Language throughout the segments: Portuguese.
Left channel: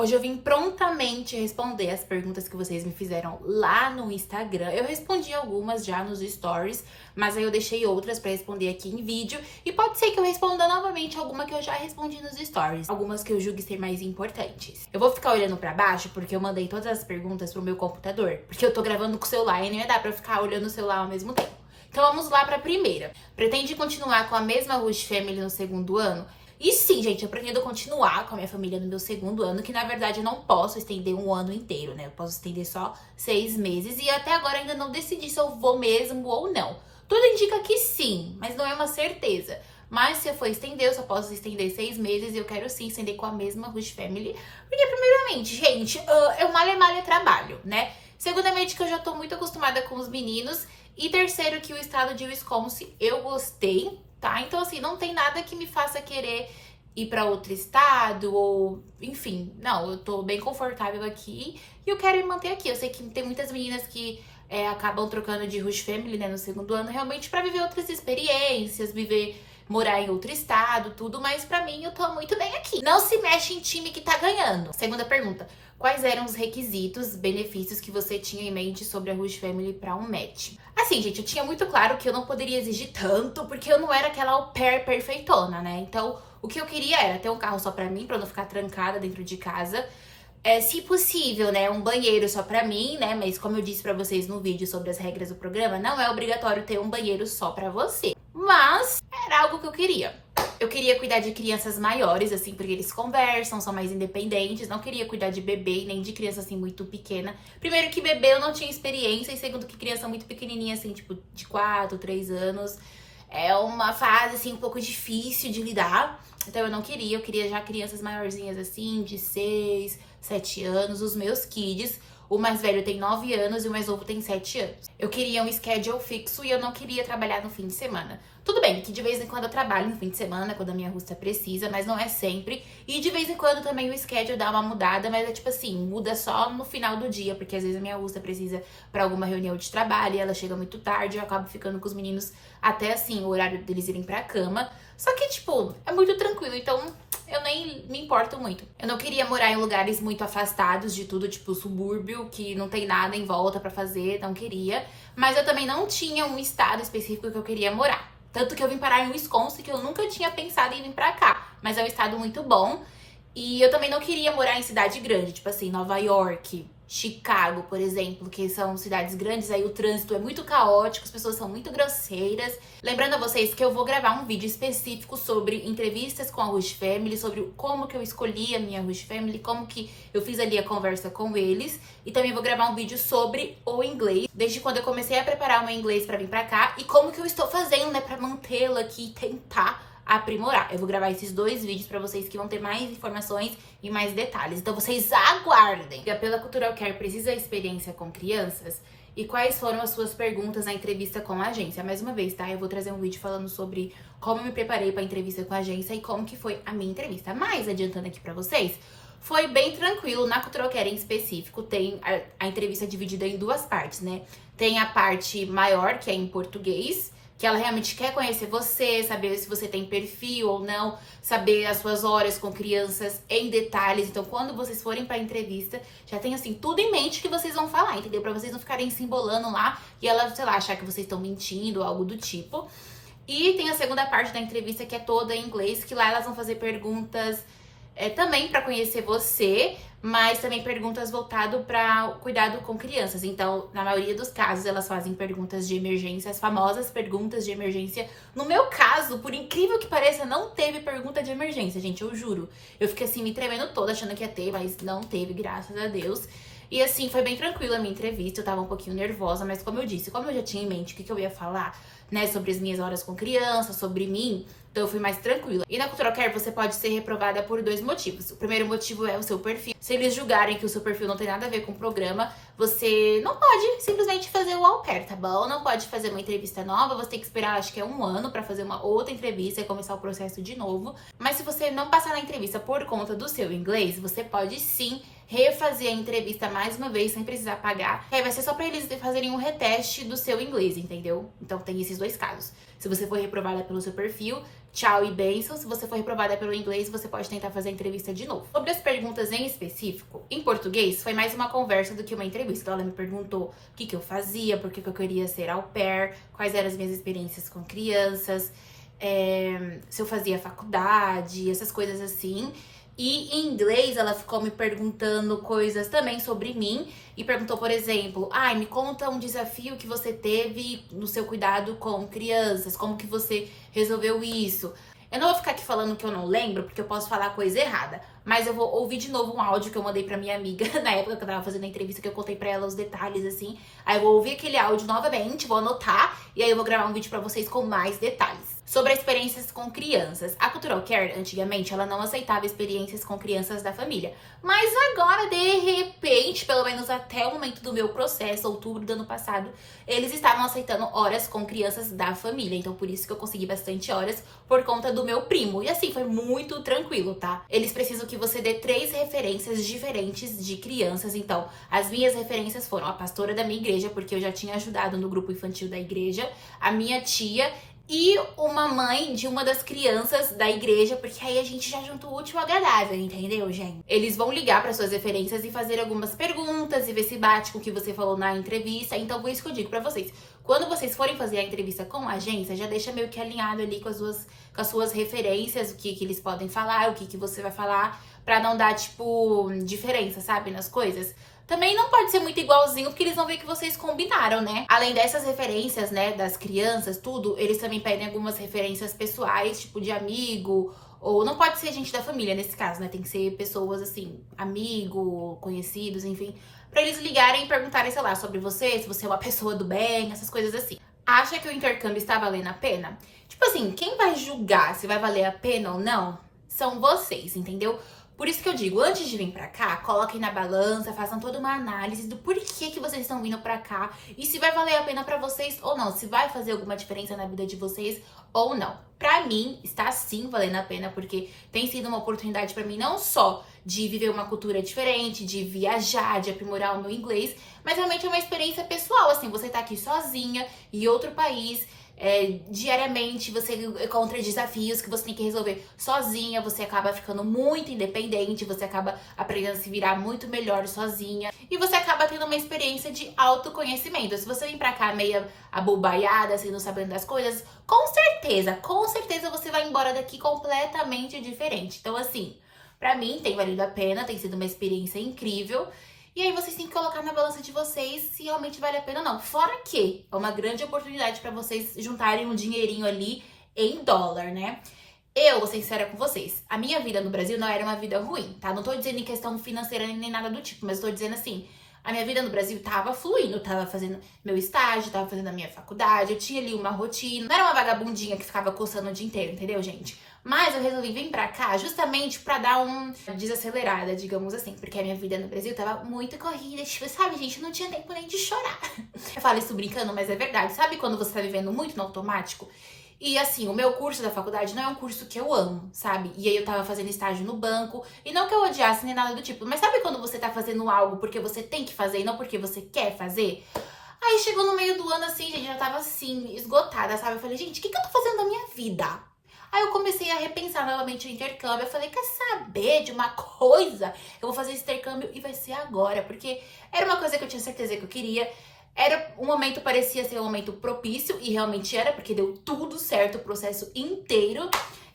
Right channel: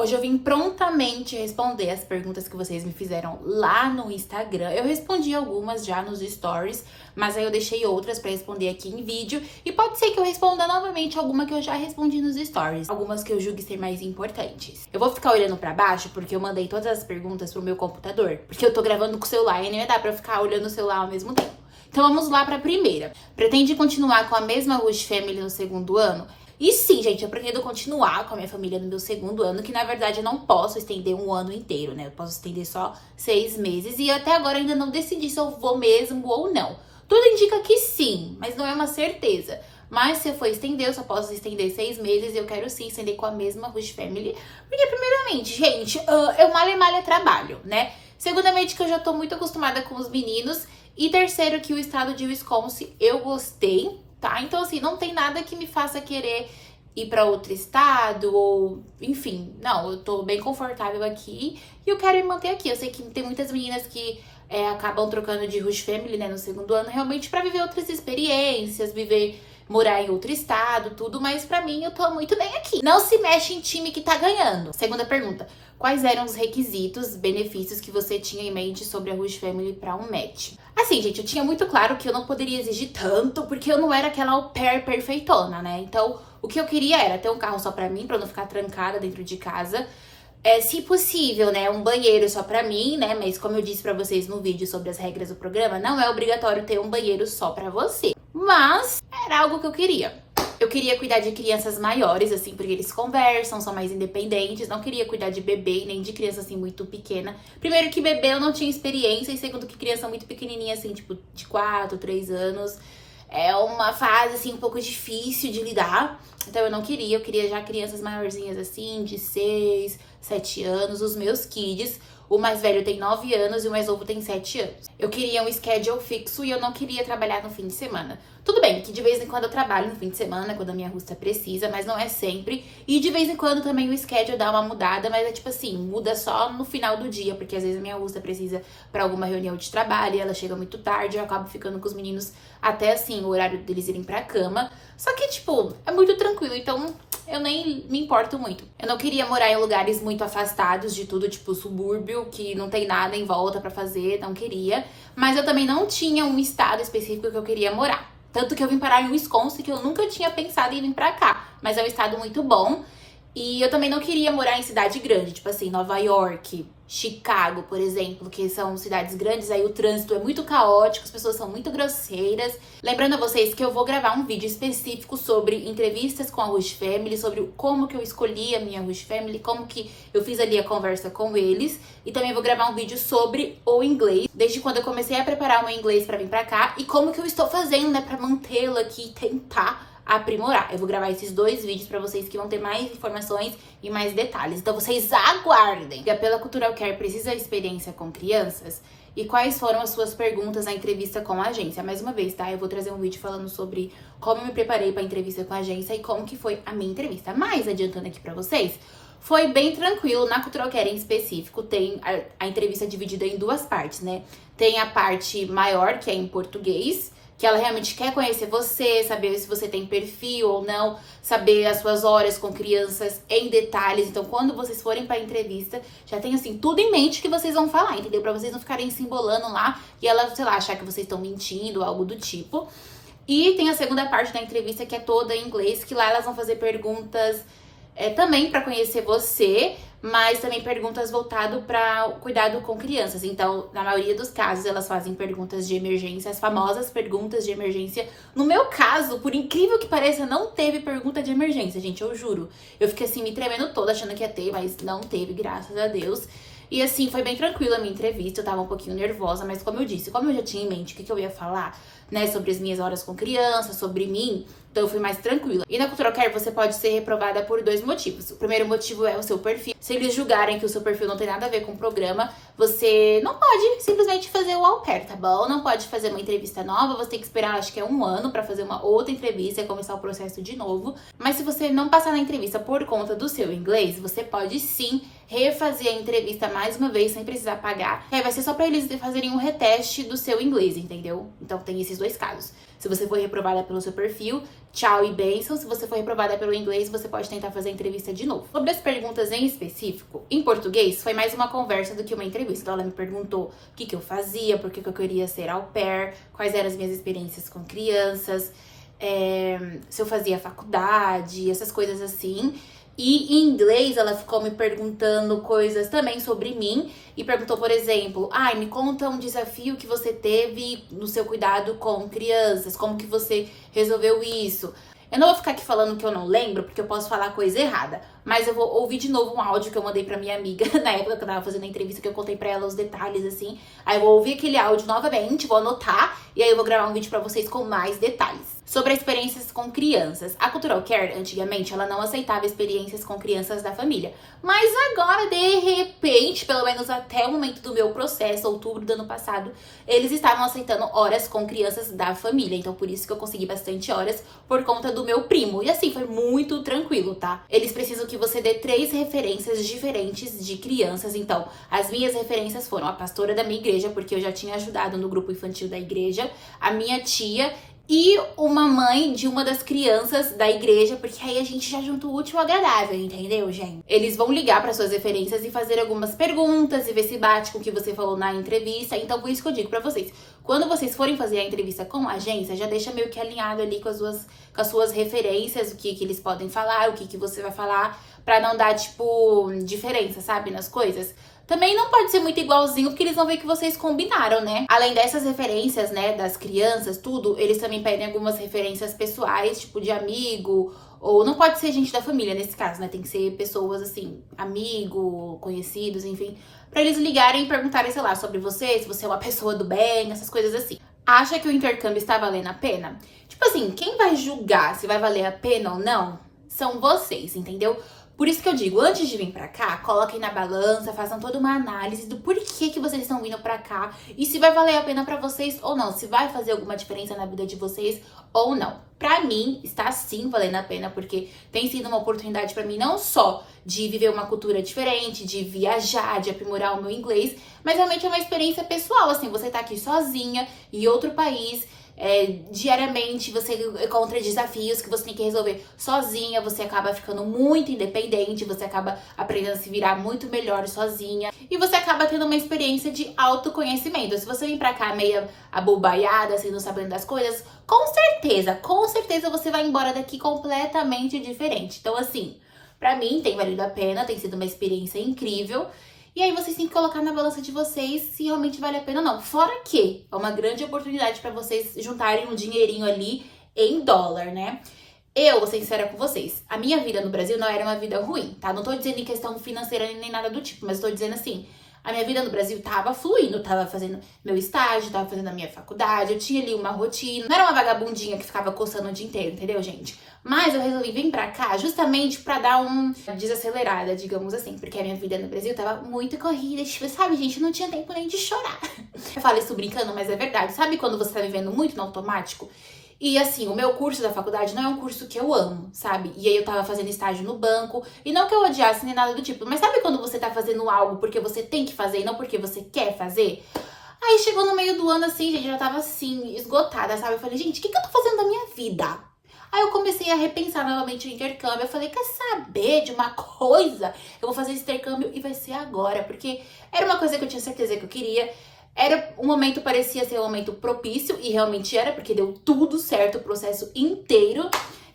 Hoje eu vim prontamente responder as perguntas que vocês me fizeram lá no Instagram. Eu respondi algumas já nos stories, mas aí eu deixei outras pra responder aqui em vídeo. E pode ser que eu responda novamente alguma que eu já respondi nos stories. Algumas que eu julgue ser mais importantes. Eu vou ficar olhando pra baixo porque eu mandei todas as perguntas pro meu computador. Porque eu tô gravando com o celular e nem dá pra eu ficar olhando o celular ao mesmo tempo. Então vamos lá pra primeira. Pretende continuar com a mesma Rush Family no segundo ano? E sim, gente, eu pretendo continuar com a minha família no meu segundo ano, que na verdade eu não posso estender um ano inteiro, né? Eu posso estender só 6 meses e até agora ainda não decidi se eu vou mesmo ou não. Tudo indica que sim, mas não é uma certeza. Mas se eu for estender, eu só posso estender 6 meses e eu quero sim estender com a mesma Rush Family. Porque primeiramente, gente, eu malha trabalho, né? Segundamente que eu já tô muito acostumada com os meninos. E terceiro que o estado de Wisconsin eu gostei, tá? Então, assim, não tem nada que me faça querer ir pra outro estado ou, enfim, não, eu tô bem confortável aqui e eu quero me manter aqui. Eu sei que tem muitas meninas que acabam trocando de Rush Family, né, no segundo ano, realmente pra viver outras experiências, morar em outro estado, tudo, mas pra mim eu tô muito bem aqui. Não se mexe em time que tá ganhando. Segunda pergunta. Quais eram os requisitos, benefícios que você tinha em mente sobre a Rush Family pra um match? Assim, gente, eu tinha muito claro que eu não poderia exigir tanto, porque eu não era aquela au pair perfeitona, né? Então, o que eu queria era ter um carro só pra mim, pra eu não ficar trancada dentro de casa. Se possível, né, um banheiro só pra mim, né? Mas como eu disse pra vocês no vídeo sobre as regras do programa, não é obrigatório ter um banheiro só pra você. Mas era algo que eu queria. Eu queria cuidar de crianças maiores, assim, porque eles conversam, são mais independentes. Não queria cuidar de bebê, nem de criança, assim, muito pequena. Primeiro que bebê eu não tinha experiência. E segundo que criança muito pequenininha, assim, tipo, de 4, 3 anos. É uma fase, assim, um pouco difícil de lidar. Então eu não queria. Eu queria já crianças maiorzinhas, assim, de 6, 7 anos. Os meus kids. O mais velho tem 9 anos e o mais novo tem 7 anos. Eu queria um schedule fixo e eu não queria trabalhar no fim de semana. Tudo bem que de vez em quando eu trabalho no fim de semana, quando a minha russa precisa, mas não é sempre. E de vez em quando também o schedule dá uma mudada, mas é tipo assim, muda só no final do dia, porque às vezes a minha russa precisa pra alguma reunião de trabalho e ela chega muito tarde, eu acabo ficando com os meninos até assim, o horário deles irem pra cama. Só que, tipo, é muito tranquilo, então eu nem me importo muito. Eu não queria morar em lugares muito afastados de tudo, tipo subúrbio, que não tem nada em volta pra fazer, não queria. Mas eu também não tinha um estado específico que eu queria morar. Tanto que eu vim parar em Wisconsin, que eu nunca tinha pensado em vir pra cá. Mas é um estado muito bom. E eu também não queria morar em cidade grande, tipo assim, Nova York, Chicago, por exemplo, que são cidades grandes, aí o trânsito é muito caótico, as pessoas são muito grosseiras. Lembrando a vocês que eu vou gravar um vídeo específico sobre entrevistas com a Rush Family, sobre como que eu escolhi a minha Rush Family, como que eu fiz ali a conversa com eles. E também vou gravar um vídeo sobre o inglês, desde quando eu comecei a preparar o meu inglês pra vir pra cá e como que eu estou fazendo, né, pra mantê-lo aqui e tentar aprimorar. Eu vou gravar esses 2 vídeos pra vocês que vão ter mais informações e mais detalhes. Então vocês aguardem. A Pela Cultural Care precisa de experiência com crianças? E quais foram as suas perguntas na entrevista com a agência? Mais uma vez, tá? Eu vou trazer um vídeo falando sobre como eu me preparei pra entrevista com a agência e como que foi a minha entrevista. Mas, adiantando aqui pra vocês, foi bem tranquilo. Na Cultural Care em específico, tem a entrevista dividida em 2 partes, né? Tem a parte maior, que é em português, que ela realmente quer conhecer você, saber se você tem perfil ou não, saber as suas horas com crianças em detalhes. Então, quando vocês forem pra entrevista, já tem, assim, tudo em mente que vocês vão falar, entendeu? Pra vocês não ficarem se embolando lá e ela, sei lá, achar que vocês estão mentindo ou algo do tipo. E tem a segunda parte da entrevista, que é toda em inglês, que lá elas vão fazer perguntas também pra conhecer você, mas também perguntas voltado para cuidado com crianças. Então, na maioria dos casos, elas fazem perguntas de emergência, as famosas perguntas de emergência. No meu caso, por incrível que pareça, não teve pergunta de emergência, gente, eu juro. Eu fiquei assim, me tremendo toda, achando que ia ter, mas não teve, graças a Deus. E assim, foi bem tranquila a minha entrevista, eu tava um pouquinho nervosa, mas como eu disse, como eu já tinha em mente o que eu ia falar, né, sobre as minhas horas com criança, sobre mim, então eu fui mais tranquila. E na Cultural Care você pode ser reprovada por 2 motivos. O primeiro motivo é o seu perfil. Se eles julgarem que o seu perfil não tem nada a ver com o programa, você não pode simplesmente fazer o au pair, tá bom? Não pode fazer uma entrevista nova, você tem que esperar, acho que é 1 ano pra fazer uma outra entrevista e começar o processo de novo. Mas se você não passar na entrevista por conta do seu inglês, você pode sim refazer a entrevista mais uma vez sem precisar pagar. E aí vai ser só pra eles fazerem um reteste do seu inglês, entendeu? Então tem esses 2 casos. Se você for reprovada pelo seu perfil, tchau e bênção. Se você for reprovada pelo inglês, você pode tentar fazer a entrevista de novo. Sobre as perguntas em específico, em português, foi mais uma conversa do que uma entrevista. Então, ela me perguntou o que eu fazia, por que eu queria ser au pair, quais eram as minhas experiências com crianças, se eu fazia faculdade, essas coisas assim. E em inglês, ela ficou me perguntando coisas também sobre mim. E perguntou, por exemplo, me conta um desafio que você teve no seu cuidado com crianças. Como que você resolveu isso? Eu não vou ficar aqui falando que eu não lembro, porque eu posso falar coisa errada. Mas eu vou ouvir de novo um áudio que eu mandei pra minha amiga na época que eu tava fazendo a entrevista, que eu contei pra ela os detalhes, assim. Aí eu vou ouvir aquele áudio novamente, vou anotar, e aí eu vou gravar um vídeo pra vocês com mais detalhes. Sobre experiências com crianças. A Cultural Care, antigamente, ela não aceitava experiências com crianças da família. Mas agora, de repente, pelo menos até o momento do meu processo, outubro do ano passado, eles estavam aceitando horas com crianças da família. Então, por isso que eu consegui bastante horas, por conta do meu primo. E assim, foi muito tranquilo, tá? Eles precisam que você dê 3 referências diferentes de crianças. Então, as minhas referências foram a pastora da minha igreja, porque eu já tinha ajudado no grupo infantil da igreja, a minha tia e uma mãe de uma das crianças da igreja, porque aí a gente já junta o útil ao agradável, entendeu, gente? Eles vão ligar para suas referências e fazer algumas perguntas e ver se bate com o que você falou na entrevista. Então, por isso que eu digo para vocês, quando vocês forem fazer a entrevista com a agência, já deixa meio que alinhado ali com as suas referências, o que eles podem falar, o que você vai falar, pra não dar, tipo, diferença, sabe, nas coisas. Também não pode ser muito igualzinho, porque eles vão ver que vocês combinaram, né? Além dessas referências, né, das crianças, tudo, eles também pedem algumas referências pessoais, tipo de amigo, ou não pode ser gente da família nesse caso, né? Tem que ser pessoas, assim, amigo, conhecidos, enfim, pra eles ligarem e perguntarem, sei lá, sobre você, se você é uma pessoa do bem, essas coisas assim. Acha que o intercâmbio está valendo a pena? Tipo assim, quem vai julgar se vai valer a pena ou não são vocês, entendeu? Por isso que eu digo, antes de vir pra cá, coloquem na balança, façam toda uma análise do porquê que vocês estão vindo pra cá e se vai valer a pena pra vocês ou não, se vai fazer alguma diferença na vida de vocês ou não. Pra mim, está sim valendo a pena, porque tem sido uma oportunidade pra mim não só de viver uma cultura diferente, de viajar, de aprimorar o meu inglês, mas realmente é uma experiência pessoal, assim, você tá aqui sozinha, em outro país, diariamente você encontra desafios que você tem que resolver sozinha, você acaba ficando muito independente, você acaba aprendendo a se virar muito melhor sozinha e você acaba tendo uma experiência de autoconhecimento. Se você vem pra cá meio abobaiada, assim, não sabendo das coisas, com certeza você vai embora daqui completamente diferente. Então, assim, pra mim tem valido a pena, tem sido uma experiência incrível. E aí vocês têm que colocar na balança de vocês se realmente vale a pena ou não. Fora que é uma grande oportunidade pra vocês juntarem um dinheirinho ali em dólar, né? Eu vou ser sincera com vocês, a minha vida no Brasil não era uma vida ruim, tá? Não tô dizendo em questão financeira nem nada do tipo, mas tô dizendo assim, a minha vida no Brasil tava fluindo, tava fazendo meu estágio, tava fazendo a minha faculdade, eu tinha ali uma rotina, não era uma vagabundinha que ficava coçando o dia inteiro, entendeu, gente? Mas eu resolvi vir pra cá justamente pra dar uma desacelerada, digamos assim, porque a minha vida no Brasil tava muito corrida, tipo, sabe, gente, não tinha tempo nem de chorar. Eu falo isso brincando, mas é verdade. Sabe quando você tá vivendo muito no automático? E assim, o meu curso da faculdade não é um curso que eu amo, sabe? E aí eu tava fazendo estágio no banco, e não que eu odiasse nem nada do tipo, mas sabe quando você tá fazendo algo porque você tem que fazer e não porque você quer fazer? Aí chegou no meio do ano assim, gente, eu já tava assim, esgotada, sabe? Eu falei, gente, o que eu tô fazendo da minha vida? Aí eu comecei a repensar novamente o intercâmbio. Eu falei, quer saber de uma coisa? Eu vou fazer esse intercâmbio e vai ser agora. Porque era uma coisa que eu tinha certeza que eu queria. Era um momento, parecia ser um momento propício. E realmente era, porque deu tudo certo o processo inteiro.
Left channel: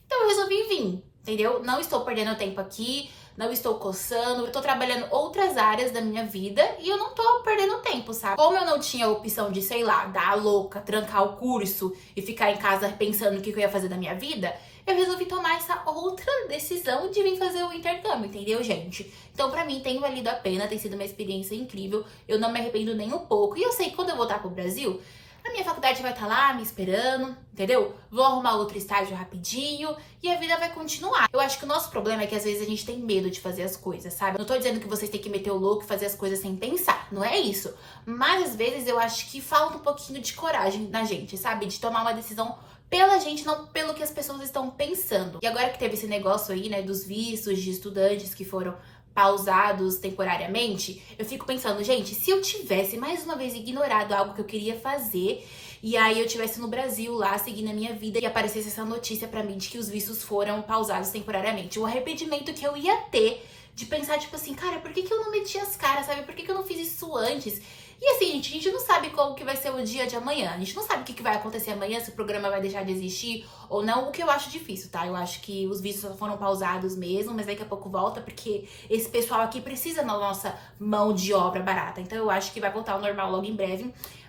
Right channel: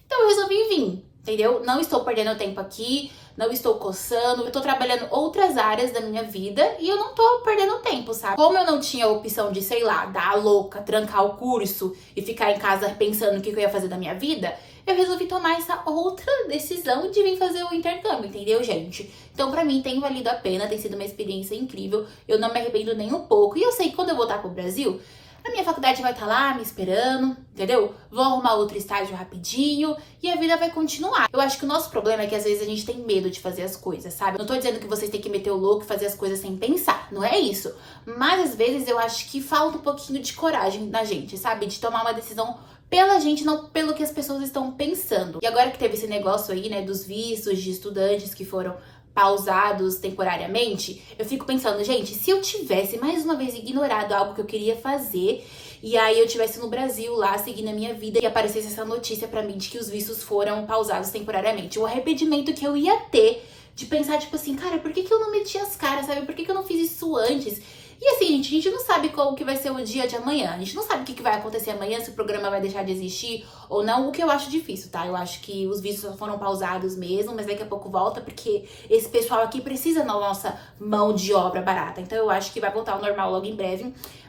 Então eu resolvi vir, entendeu? Não estou perdendo tempo aqui. Não estou coçando, eu tô trabalhando outras áreas da minha vida e eu não tô perdendo tempo, sabe? Como eu não tinha a opção de, sei lá, dar a louca, trancar o curso e ficar em casa pensando o que eu ia fazer da minha vida, eu resolvi tomar essa outra decisão de vir fazer o intercâmbio, entendeu, gente? Então, pra mim, tem valido a pena, tem sido uma experiência incrível, eu não me arrependo nem um pouco. E eu sei que quando eu voltar pro Brasil, a minha faculdade vai estar lá me esperando, entendeu? Vou arrumar outro estágio rapidinho e a vida vai continuar. Eu acho que o nosso problema é que às vezes a gente tem medo de fazer as coisas, sabe? Não tô dizendo que vocês têm que meter o louco e fazer as coisas sem pensar, não é isso. Mas às vezes eu acho que falta um pouquinho de coragem na gente, sabe? De tomar uma decisão pela gente, não pelo que as pessoas estão pensando. E agora que teve esse negócio aí, né, dos vistos de estudantes que foram pausados temporariamente, eu fico pensando, gente, se eu tivesse mais uma vez ignorado algo que eu queria fazer, e aí eu tivesse no Brasil lá, seguindo a minha vida, e aparecesse essa notícia pra mim de que os vistos foram pausados temporariamente, o arrependimento que eu ia ter de pensar, tipo assim, cara, por que que eu não meti as caras, sabe? Por que que eu não fiz isso antes? E assim, gente, a gente não sabe qual que vai ser o dia de amanhã. A gente não sabe o que vai acontecer amanhã, se o programa vai deixar de existir ou não, o que eu acho difícil, tá? Eu acho que os vídeos só foram pausados mesmo, mas daqui a pouco volta, porque esse pessoal aqui precisa da nossa mão de obra barata. Então eu acho que vai voltar ao normal logo em breve.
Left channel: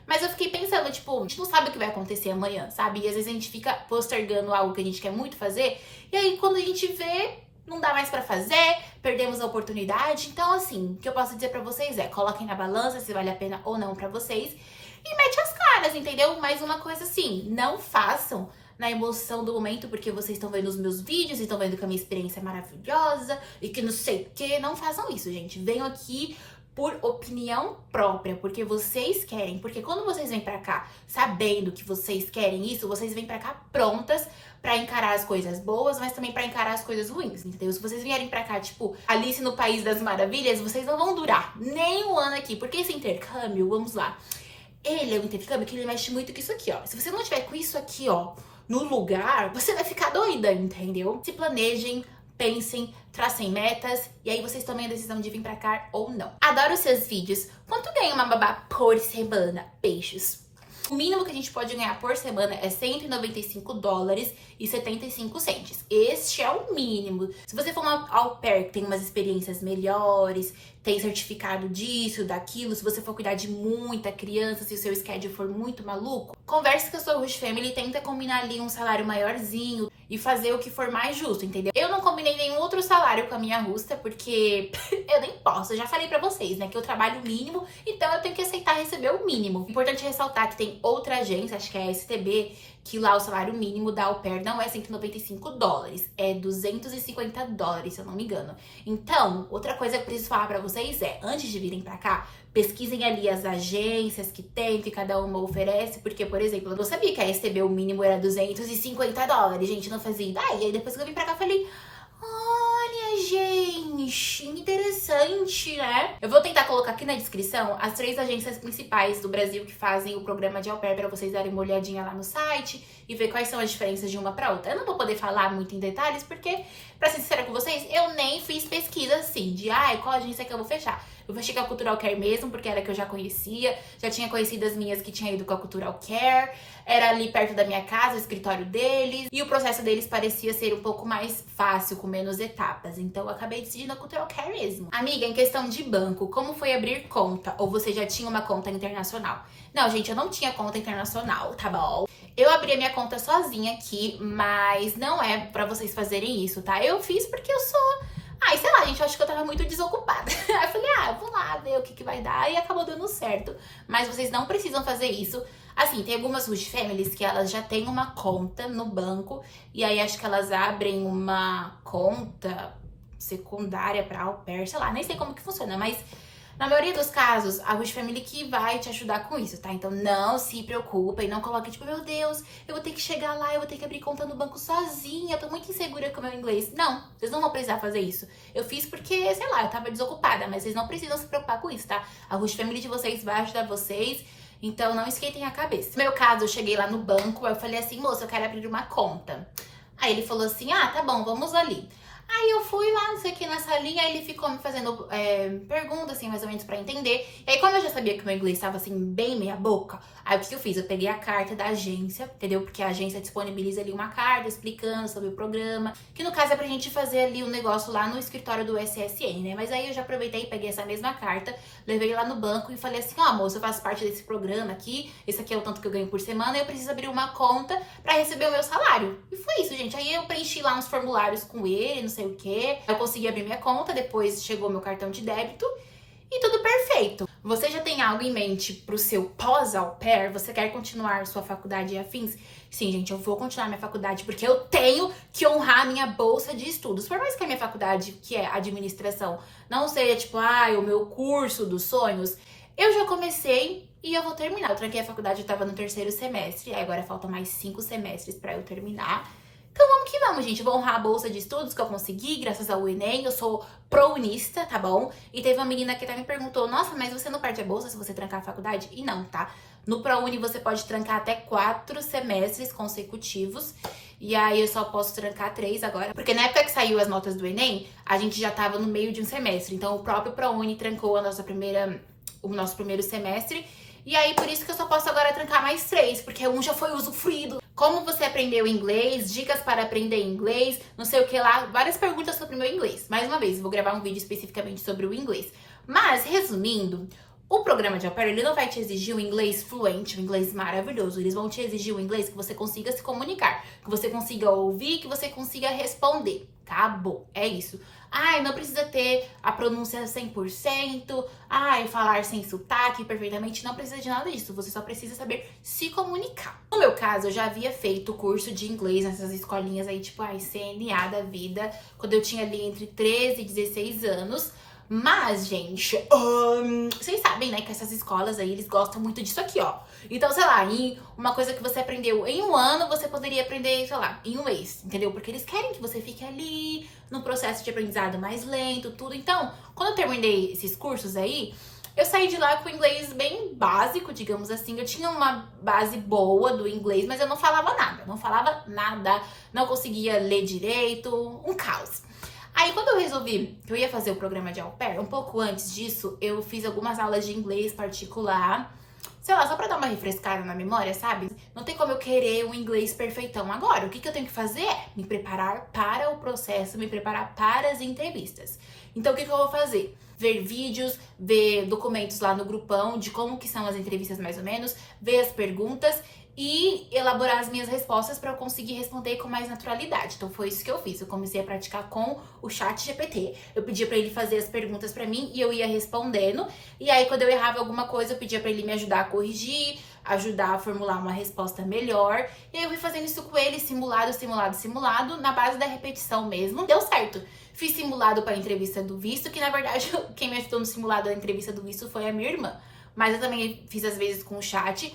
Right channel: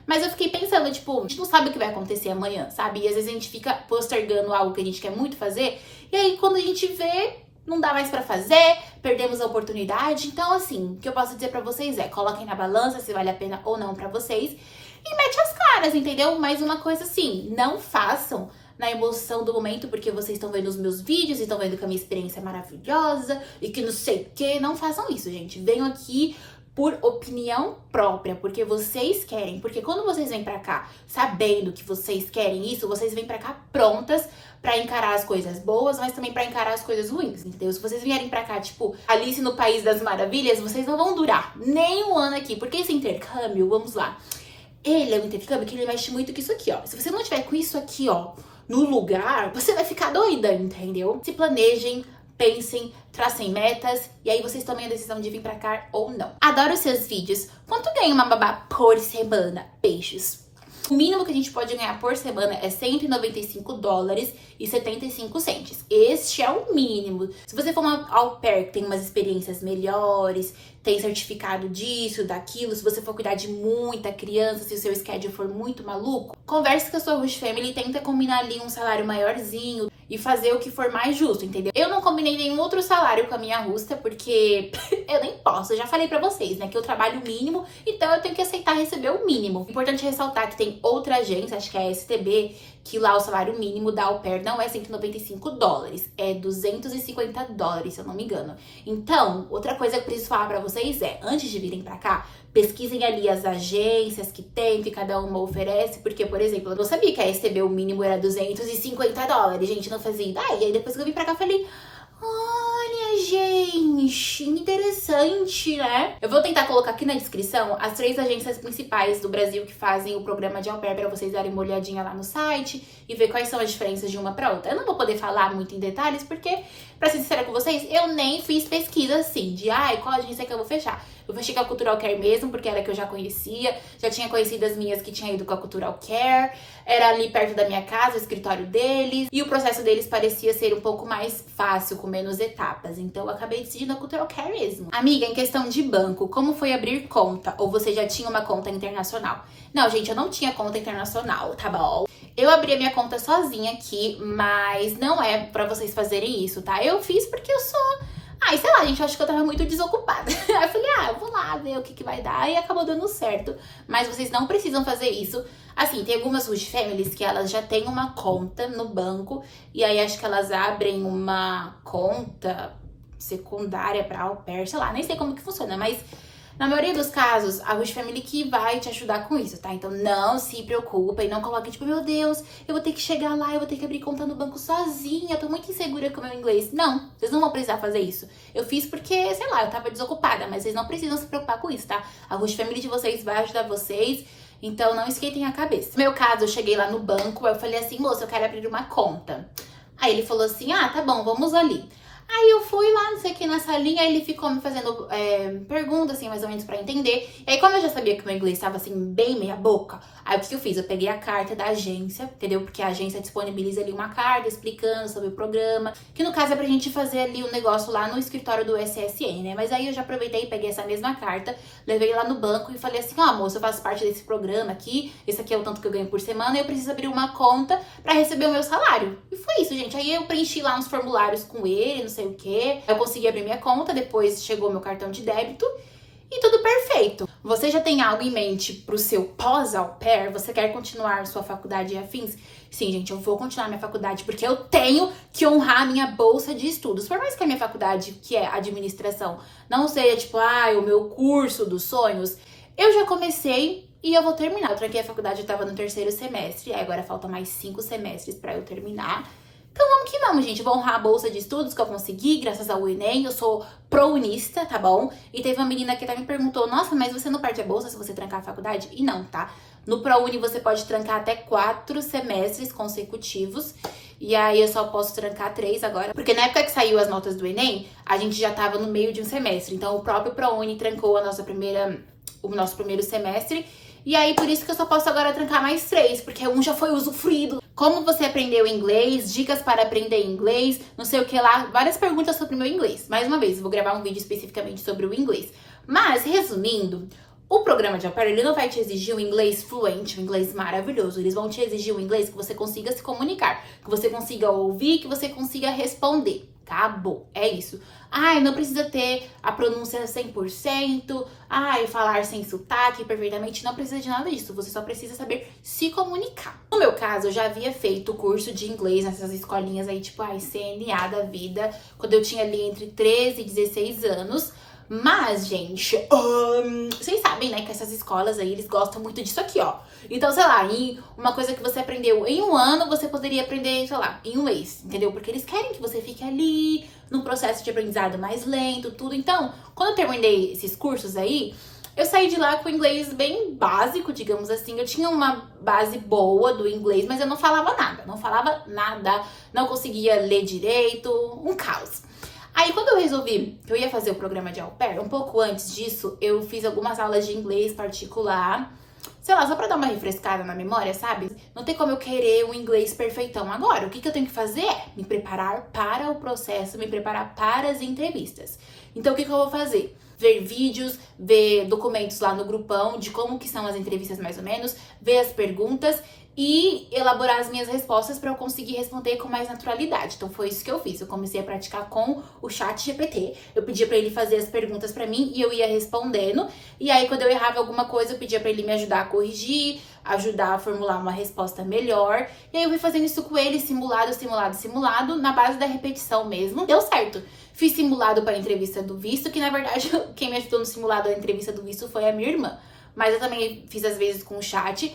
Mas eu fiquei pensando, tipo, a gente não sabe o que vai acontecer amanhã, sabe? E às vezes a gente fica postergando algo que a gente quer muito fazer, e aí quando a gente vê, não dá mais pra fazer, perdemos a oportunidade. Então, assim, o que eu posso dizer pra vocês é, coloquem na balança se vale a pena ou não pra vocês e mete as caras, entendeu? Mais uma coisa assim, não façam na emoção do momento, porque vocês estão vendo os meus vídeos e estão vendo que a minha experiência é maravilhosa e que não sei o que. Não façam isso, gente. Venham aqui por opinião própria, porque vocês querem, porque quando vocês vêm pra cá sabendo que vocês querem isso, vocês vêm pra cá prontas pra encarar as coisas boas, mas também pra encarar as coisas ruins, entendeu? Se vocês vierem pra cá, tipo, Alice no País das Maravilhas, vocês não vão durar nem um ano aqui, porque esse intercâmbio, vamos lá, ele é um intercâmbio que ele mexe muito com isso aqui, ó. Se você não tiver com isso aqui, ó, no lugar, você vai ficar doida, entendeu? Se planejem, pensem, tracem metas, e aí vocês tomem a decisão de vir pra cá ou não. Adoro seus vídeos. Quanto ganha uma babá por semana? Peixes. O mínimo que a gente pode ganhar por semana é $195 e 75 centes. Este é o mínimo. Se você for uma au pair que tem umas experiências melhores, tem certificado disso, daquilo, se você for cuidar de muita criança, se o seu schedule for muito maluco, converse com a sua host family e tenta combinar ali um salário maiorzinho e fazer o que for mais justo, entendeu? Eu não combinei nenhum outro salário com a minha rusta, porque eu nem posso. Eu já falei pra vocês, né, que eu trabalho o mínimo, então eu tenho que aceitar receber o mínimo. Importante ressaltar que tem outra agência, acho que é a STB, que lá o salário mínimo da au pair não é $195, é $250, se eu não me engano. Então, outra coisa que eu preciso falar pra vocês é, antes de virem pra cá, pesquisem ali as agências que tem, que cada uma oferece, porque, por exemplo, eu não sabia que a STB o mínimo era $250, gente, não fazia ideia. E aí depois que eu vim pra cá, eu falei, olha, gente, interessante, né? Eu vou tentar colocar aqui na descrição as 3 agências principais do Brasil que fazem o programa de au pair pra vocês darem uma olhadinha lá no site e ver quais são as diferenças de uma pra outra. Eu não vou poder falar muito em detalhes, porque, pra ser sincera com vocês, eu nem fiz pesquisa assim, de qual agência que eu vou fechar. Eu fechei com a Cultural Care mesmo, porque era que eu já conhecia. Já tinha conhecido as minhas que tinham ido com a Cultural Care. Era ali perto da minha casa, o escritório deles. E o processo deles parecia ser um pouco mais fácil, com menos etapas. Então eu acabei decidindo a Cultural Care mesmo. Amiga, em questão de banco, como foi abrir conta? Ou você já tinha uma conta internacional? Não, gente, eu não tinha conta internacional, tá bom? Eu abri a minha conta sozinha aqui, mas não é pra vocês fazerem isso, tá? Eu fiz porque eu sou... sei lá, gente, eu acho que eu tava muito desocupada. Aí eu falei, eu vou lá ver o que vai dar. E acabou dando certo. Mas vocês não precisam fazer isso. Assim, tem algumas host families que elas já têm uma conta no banco. E aí acho que elas abrem uma conta secundária pra au pair. Sei lá, nem sei como que funciona, mas... Na maioria dos casos, a host family que vai te ajudar com isso, tá? Então não se preocupem, não coloquem tipo, meu Deus, eu vou ter que chegar lá, eu vou ter que abrir conta no banco sozinha, eu tô muito insegura com o meu inglês. Não, vocês não vão precisar fazer isso. Eu fiz porque, sei lá, eu tava desocupada, mas vocês não precisam se preocupar com isso, tá? A host family de vocês vai ajudar vocês, então não esquentem a cabeça. No meu caso, eu cheguei lá no banco, eu falei assim, moça, eu quero abrir uma conta. Aí ele falou assim, tá bom, vamos ali. Aí eu fui lá, não sei o que, na salinha, aí ele ficou me fazendo perguntas, assim, mais ou menos pra entender. E aí, como eu já sabia que o meu inglês tava, assim, bem meia boca, aí o que eu fiz? Eu peguei a carta da agência, entendeu? Porque a agência disponibiliza ali uma carta explicando sobre o programa, que no caso é pra gente fazer ali um negócio lá no escritório do SSN, né? Mas aí eu já aproveitei e peguei essa mesma carta, levei lá no banco e falei assim, moça, eu faço parte desse programa aqui, esse aqui é o tanto que eu ganho por semana, e eu preciso abrir uma conta pra receber o meu salário. E foi isso, gente. Aí eu preenchi lá uns formulários com ele, não sei o que. Eu consegui abrir minha conta, depois chegou meu cartão de débito e tudo perfeito. Você já tem algo em mente pro seu pós-au pair? Você quer continuar sua faculdade e afins? Sim, gente, eu vou continuar minha faculdade porque eu tenho que honrar a minha bolsa de estudos. Por mais que a minha faculdade, que é administração, não seja tipo, o meu curso dos sonhos, eu já comecei e eu vou terminar. Eu tranquei a faculdade, eu tava no 3º semestre, aí agora faltam mais 5 semestres pra eu terminar. Então vamos que vamos, gente. Vou honrar a bolsa de estudos que eu consegui, graças ao Enem. Eu sou prounista, tá bom? E teve uma menina que até me perguntou, nossa, mas você não perde a bolsa se você trancar a faculdade? E não, tá? No ProUni você pode trancar até 4 semestres consecutivos. E aí eu só posso trancar 3 agora. Porque na época que saiu as notas do Enem, a gente já tava no meio de um semestre. Então o próprio ProUni trancou o nosso primeiro semestre. E aí, por isso que eu só posso agora trancar mais 3, porque um já foi usufruído. Como você aprendeu inglês, dicas para aprender inglês, não sei o que lá, várias perguntas sobre o meu inglês. Mais uma vez, eu vou gravar um vídeo especificamente sobre o inglês. Mas, resumindo, o programa de au pair, ele não vai te exigir um inglês fluente, um inglês maravilhoso. Eles vão te exigir um inglês que você consiga se comunicar, que você consiga ouvir, que você consiga responder. Acabou, é isso. Ai, não precisa ter a pronúncia 100%, ai, falar sem sotaque perfeitamente, não precisa de nada disso, você só precisa saber se comunicar. No meu caso, eu já havia feito curso de inglês nessas escolinhas aí, tipo, ai, CNA da vida, quando eu tinha ali entre 13 e 16 anos, mas, gente, vocês sabem, né, que essas escolas aí, eles gostam muito disso aqui, ó. Então, sei lá, em uma coisa que você aprendeu em um ano, você poderia aprender, sei lá, em um mês, entendeu? Porque eles querem que você fique ali, num processo de aprendizado mais lento, tudo. Então, quando eu terminei esses cursos aí, eu saí de lá com inglês bem básico, digamos assim. Eu tinha uma base boa do inglês, mas eu não falava nada, não conseguia ler direito, um caos. Aí, quando eu resolvi que eu ia fazer o programa de au pair, um pouco antes disso, eu fiz algumas aulas de inglês particular, sei lá, só pra dar uma refrescada na memória, sabe? Não tem como eu querer um inglês perfeitão agora. O que eu tenho que fazer é me preparar para o processo, me preparar para as entrevistas. Então, o que eu vou fazer? Ver vídeos, ver documentos lá no grupão de como que são as entrevistas mais ou menos, ver as perguntas e elaborar as minhas respostas para eu conseguir responder com mais naturalidade. Então foi isso que eu fiz. Eu comecei a praticar com o ChatGPT. Eu pedia para ele fazer as perguntas para mim e eu ia respondendo. E aí quando eu errava alguma coisa, eu pedia para ele me ajudar a corrigir, ajudar a formular uma resposta melhor. E aí eu fui fazendo isso com ele, simulado, na base da repetição mesmo. Deu certo. Fiz simulado para a entrevista do visto, que na verdade quem me ajudou no simulado da entrevista do visto foi a minha irmã. Mas eu também fiz às vezes com o chat.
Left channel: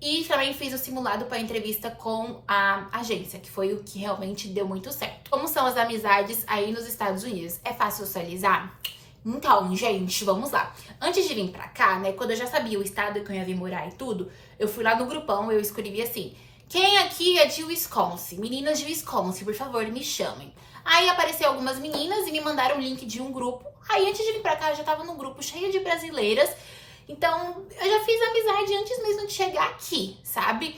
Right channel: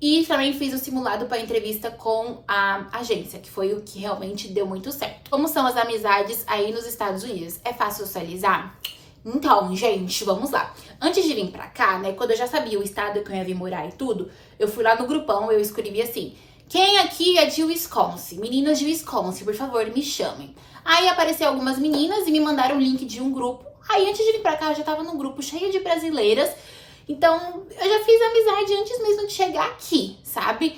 E também fiz o simulado para entrevista com a agência, que foi o que realmente deu muito certo. Como são as amizades aí nos Estados Unidos? É fácil socializar? Então, gente, vamos lá. Antes de vir pra cá, né, quando eu já sabia o estado que eu ia vir morar e tudo, eu fui lá no grupão, eu escrevi assim: quem aqui é de Wisconsin? Meninas de Wisconsin, por favor, me chamem. Aí apareceu algumas meninas e me mandaram o link de um grupo. Aí antes de vir pra cá, eu já tava num grupo cheio de brasileiras. Então, eu já fiz amizade antes mesmo de chegar aqui, sabe?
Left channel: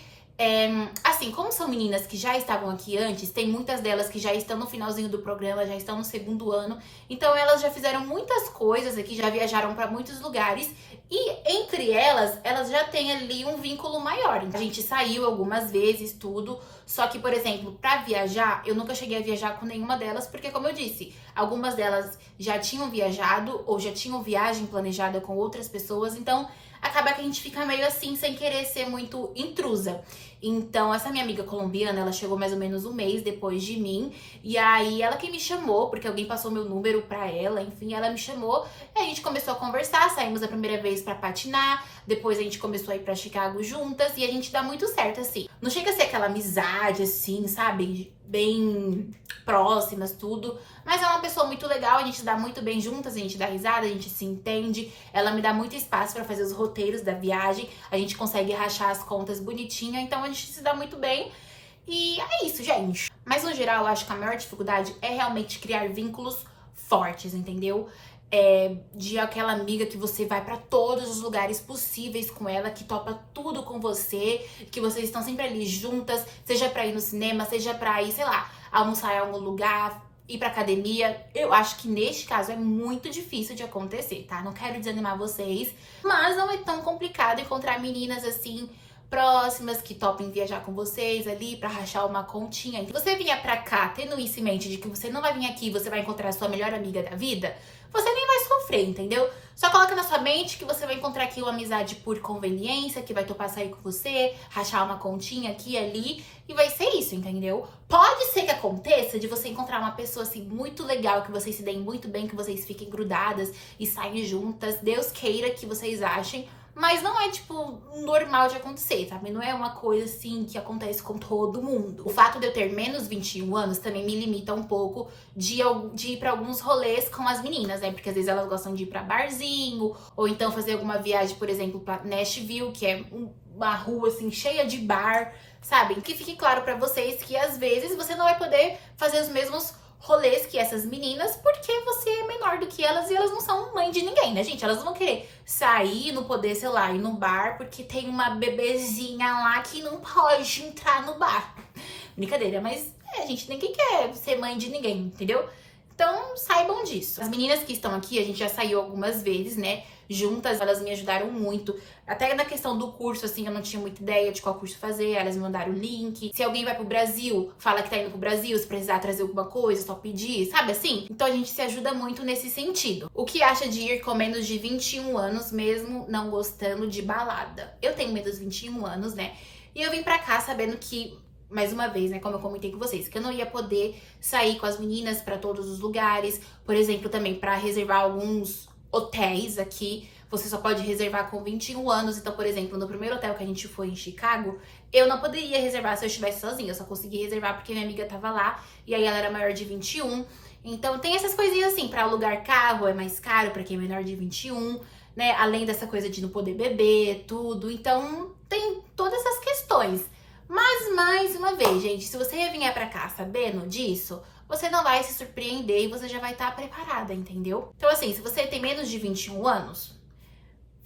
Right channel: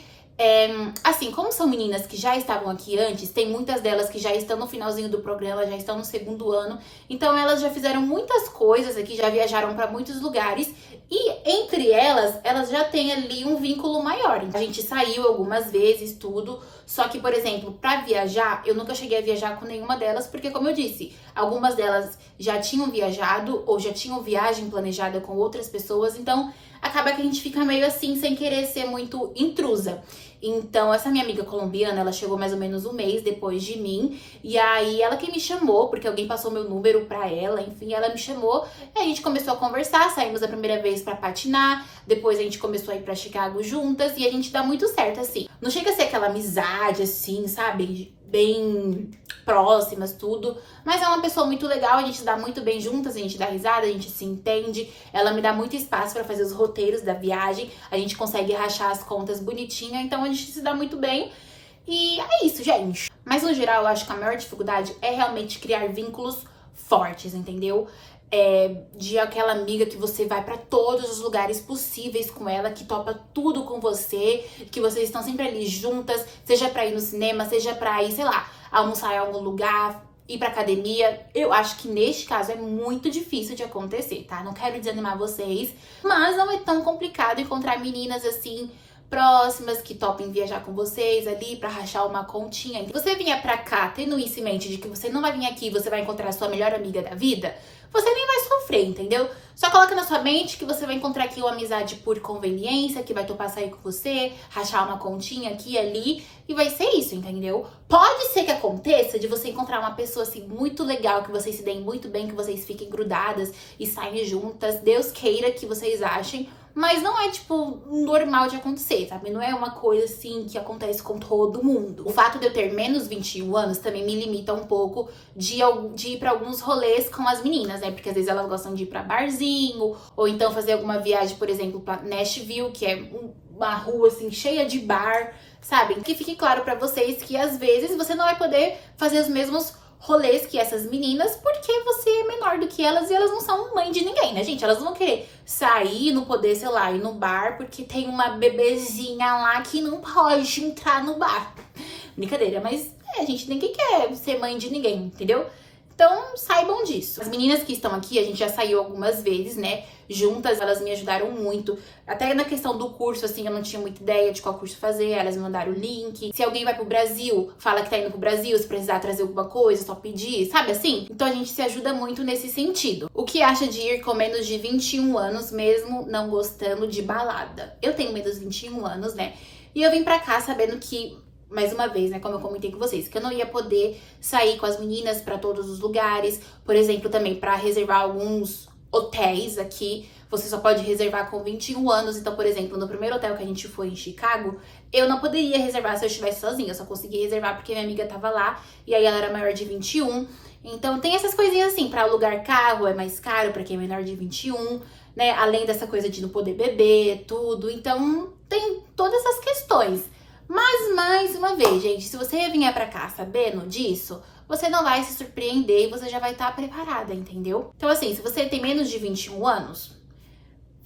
Assim, como são meninas que já estavam aqui antes, tem muitas delas que já estão no finalzinho do programa, já estão no segundo ano. Então, elas já fizeram muitas coisas aqui, já viajaram para muitos lugares. E entre elas já têm ali um vínculo maior. Então, a gente saiu algumas vezes, tudo. Só que, por exemplo, pra viajar, eu nunca cheguei a viajar com nenhuma delas, porque, como eu disse, algumas delas já tinham viajado ou já tinham viagem planejada com outras pessoas, então acaba que a gente fica meio assim, sem querer ser muito intrusa. Então, essa minha amiga colombiana, ela chegou mais ou menos um mês depois de mim, e aí ela que me chamou, porque alguém passou meu número pra ela, enfim, ela me chamou, e a gente começou a conversar, saímos a primeira vez pra patinar, depois a gente começou a ir pra Chicago juntas, e a gente dá muito certo, assim. Não chega a ser aquela amizade, assim, sabe, bem próximas, tudo, mas é uma pessoa muito legal, a gente dá muito bem juntas, a gente dá risada, a gente se entende, ela me dá muito espaço pra fazer os roteiros da viagem, a gente consegue rachar as contas bonitinha, então a gente se dá muito bem. E é isso, gente. Mas no geral, eu acho que a maior dificuldade é realmente criar vínculos fortes, entendeu? De aquela amiga que você vai pra todos os lugares possíveis com ela, que topa tudo com você, que vocês estão sempre ali juntas, seja pra ir no cinema, seja pra ir, sei lá, almoçar em algum lugar, ir pra academia. Eu acho que neste caso é muito difícil de acontecer, tá? Não quero desanimar vocês, mas não é tão complicado encontrar meninas assim próximas que topem viajar com vocês ali pra rachar uma continha. Se você vier pra cá tendo isso em mente de que você não vai vir aqui e você vai encontrar a sua melhor amiga da vida, você nem vai sofrer, entendeu? Só coloca na sua mente que você vai encontrar aqui uma amizade por conveniência, que vai topar sair com você, rachar uma continha aqui e ali, e vai ser isso, entendeu? Pode ser que aconteça de você encontrar uma pessoa assim muito legal, que vocês se deem muito bem, que vocês fiquem grudadas e saem juntas. Deus queira que vocês achem. mas não é, tipo, normal de acontecer, sabe? Não é uma coisa, assim, que acontece com todo mundo. O fato de eu ter menos 21 anos também me limita um pouco de ir pra alguns rolês com as meninas, né? Porque às vezes elas gostam de ir pra barzinho, ou então fazer alguma viagem, por exemplo, pra Nashville, que é uma rua, assim, cheia de bar, sabe? Que fique claro pra vocês que às vezes você não vai poder fazer os mesmos rolês que essas meninas, porque você é menor do que elas e elas não são mãe de ninguém, né, gente? Elas não vão querer sair, não poder, sei lá, ir no bar porque tem uma bebezinha lá que não pode entrar no bar. Brincadeira, mas a gente ninguém quer ser mãe de ninguém, entendeu? Então, saibam disso. As meninas que estão aqui, a gente já saiu algumas vezes, né? Juntas, elas me ajudaram muito. Até na questão do curso, assim, eu não tinha muita ideia de qual curso fazer. Elas me mandaram o link. Se alguém vai pro Brasil, fala que tá indo pro Brasil, se precisar trazer alguma coisa, só pedir, sabe assim? Então a gente se ajuda muito nesse sentido. O que acha de ir com menos de 21 anos, mesmo não gostando de balada? Eu tenho menos de 21 anos, né? E eu vim pra cá sabendo que, mais uma vez, né, como eu comentei com vocês, que eu não ia poder sair com as meninas pra todos os lugares. Por exemplo, também pra reservar alguns hotéis aqui, você só pode reservar com 21 anos. Então, por exemplo, no primeiro hotel que a gente foi em Chicago, eu não poderia reservar se eu estivesse sozinha. Eu só consegui reservar porque minha amiga tava lá e aí ela era maior de 21. Então, tem essas coisinhas assim, pra alugar carro é mais caro pra quem é menor de 21, né? Além dessa coisa de não poder beber, tudo. Então, tem todas essas questões. Mas, mais uma vez, gente, se você vier pra cá sabendo disso, você não vai se surpreender e você já vai estar preparada, entendeu? Então, assim, se você tem menos de 21 anos,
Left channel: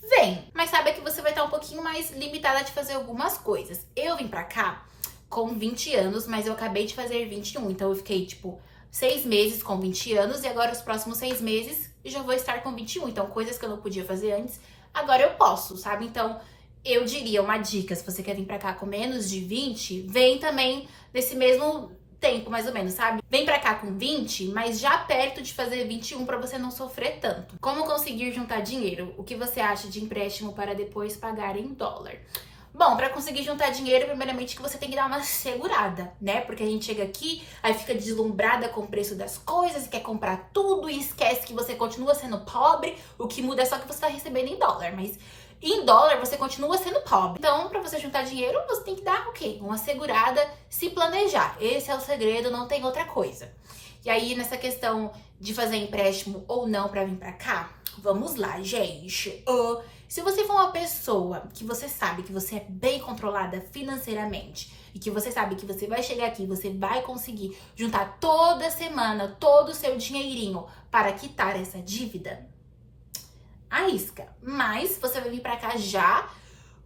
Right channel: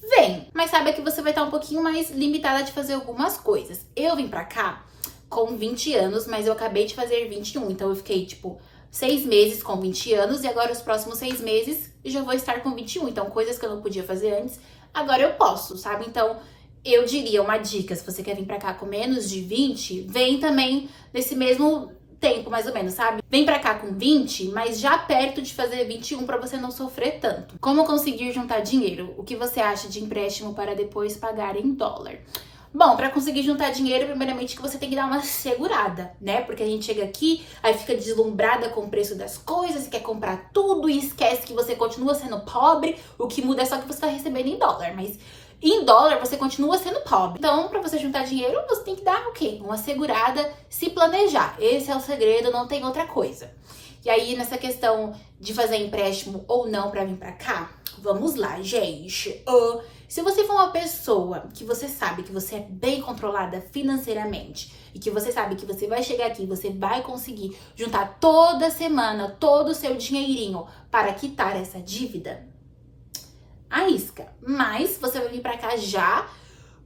vem. Mas saiba que você vai estar um pouquinho mais limitada de fazer algumas coisas. Eu vim pra cá com 20 anos, mas eu acabei de fazer 21. Então, eu fiquei, tipo, 6 meses com 20 anos e agora os próximos 6 meses já vou estar com 21. Então, coisas que eu não podia fazer antes, agora eu posso, sabe? Então, eu diria uma dica, se você quer vir pra cá com menos de 20, vem também nesse mesmo tempo, mais ou menos, sabe? Vem pra cá com 20, mas já perto de fazer 21 pra você não sofrer tanto. Como conseguir juntar dinheiro? O que você acha de empréstimo para depois pagar em dólar? Bom, pra conseguir juntar dinheiro, primeiramente que você tem que dar uma segurada, né? Porque a gente chega aqui, aí fica deslumbrada com o preço das coisas, quer comprar tudo e esquece que você continua sendo pobre. O que muda é só que você tá recebendo em dólar, mas em dólar você continua sendo pobre. Então, pra você juntar dinheiro, você tem que dar o quê? Uma segurada, se planejar. Esse é o segredo, não tem outra coisa. E aí, nessa questão de fazer empréstimo ou não pra vir pra cá, vamos lá, gente. Se você for uma pessoa que você sabe que você é bem controlada financeiramente e que você sabe que você vai chegar aqui, você vai conseguir juntar toda semana todo o seu dinheirinho para quitar essa dívida, arrisca. Mas você vai vir pra cá já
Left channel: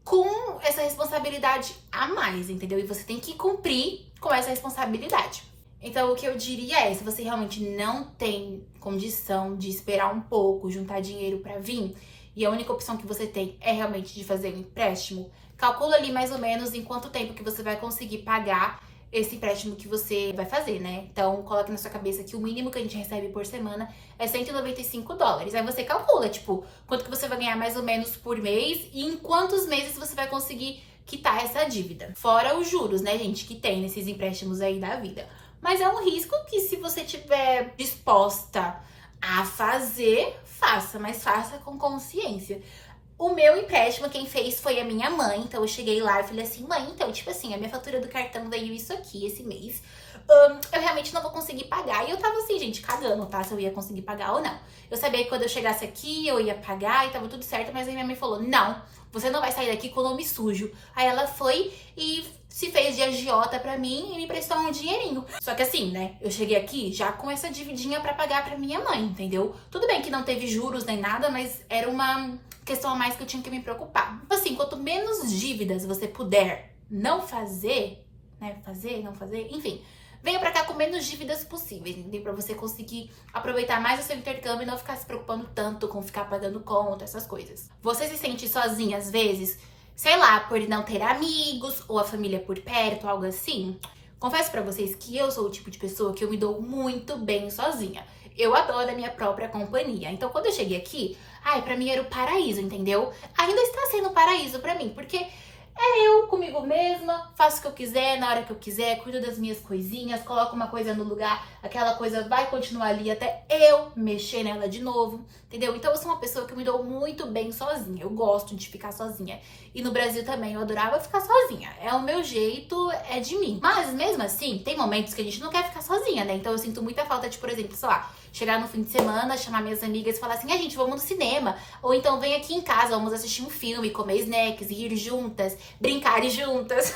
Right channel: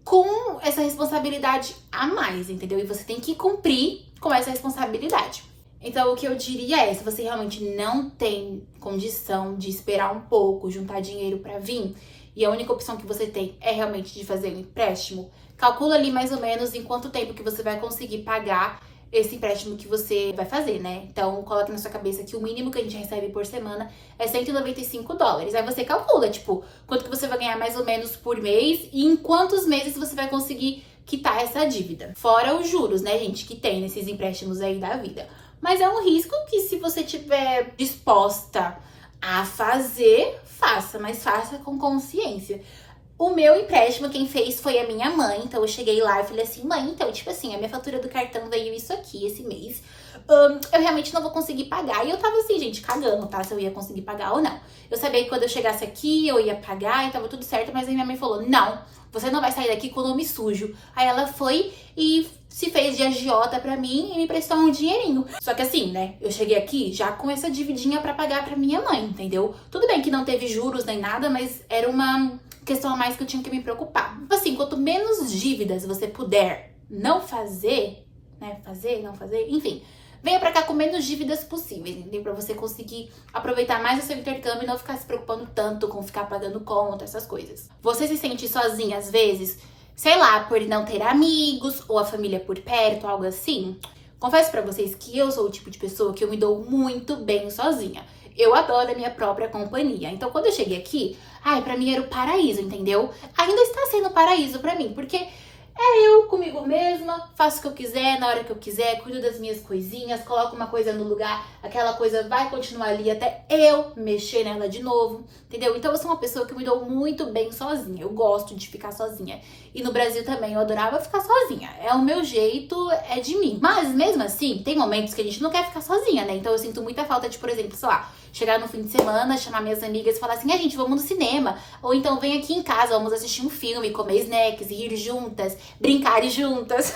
com essa responsabilidade a mais, entendeu? E você tem que cumprir com essa responsabilidade. Então, o que eu diria é, se você realmente não tem condição de esperar um pouco, juntar dinheiro pra vir, e a única opção que você tem é realmente de fazer um empréstimo, calcula ali mais ou menos em quanto tempo que você vai conseguir pagar esse empréstimo que você vai fazer, né? Então, coloque na sua cabeça que o mínimo que a gente recebe por semana é 195 dólares. Aí você calcula, tipo, quanto que você vai ganhar mais ou menos por mês e em quantos meses você vai conseguir quitar essa dívida. Fora os juros, né, gente, que tem nesses empréstimos aí da vida. Mas é um risco que, se você tiver disposta a fazer, faça, mas faça com consciência. O meu empréstimo, quem fez foi a minha mãe. Então, eu cheguei lá e falei assim, mãe, então, tipo assim, a minha fatura do cartão veio isso aqui esse mês. Eu realmente não vou conseguir pagar. E eu tava assim, gente, cagando, tá? Se eu ia conseguir pagar ou não. Eu sabia que quando eu chegasse aqui, eu ia pagar e tava tudo certo. Mas aí minha mãe falou, não, você não vai sair daqui com o nome sujo. Aí ela foi e se fez de agiota pra mim e me prestou um dinheirinho. Só que assim, né, eu cheguei aqui já com essa dividinha pra pagar pra minha mãe, entendeu? Tudo bem que não teve juros nem nada, mas era uma questão a mais que eu tinha que me preocupar. Assim, quanto menos dívidas você puder não fazer, né, não fazer, enfim, venha pra cá com menos dívidas possíveis, entendeu? Pra você conseguir aproveitar mais o seu intercâmbio e não ficar se preocupando tanto com ficar pagando conta, essas coisas. Você se sente sozinha às vezes, sei lá, por não ter amigos ou a família por perto, algo assim? Confesso pra vocês que eu sou o tipo de pessoa que eu me dou muito bem sozinha. Eu adoro a minha própria companhia. Então, quando eu cheguei aqui, ai, pra mim era o paraíso, entendeu? Ainda está sendo paraíso pra mim, porque eu comigo mesma, faço o que eu quiser, na hora que eu quiser, cuido das minhas coisinhas, coloco uma coisa no lugar, aquela coisa vai continuar ali até eu mexer nela de novo, entendeu? Então eu sou uma pessoa que me dou muito bem sozinha, eu gosto de ficar sozinha. E no Brasil também eu adorava ficar sozinha, é o meu jeito, é de mim. Mas mesmo assim, tem momentos que a gente não quer ficar sozinha, né? Então eu sinto muita falta de, por exemplo, sei lá, chegar no fim de semana, chamar minhas amigas e falar assim, gente, vamos no cinema. Ou então vem aqui em casa, vamos assistir um filme, comer snacks, rir juntas, brincar juntas.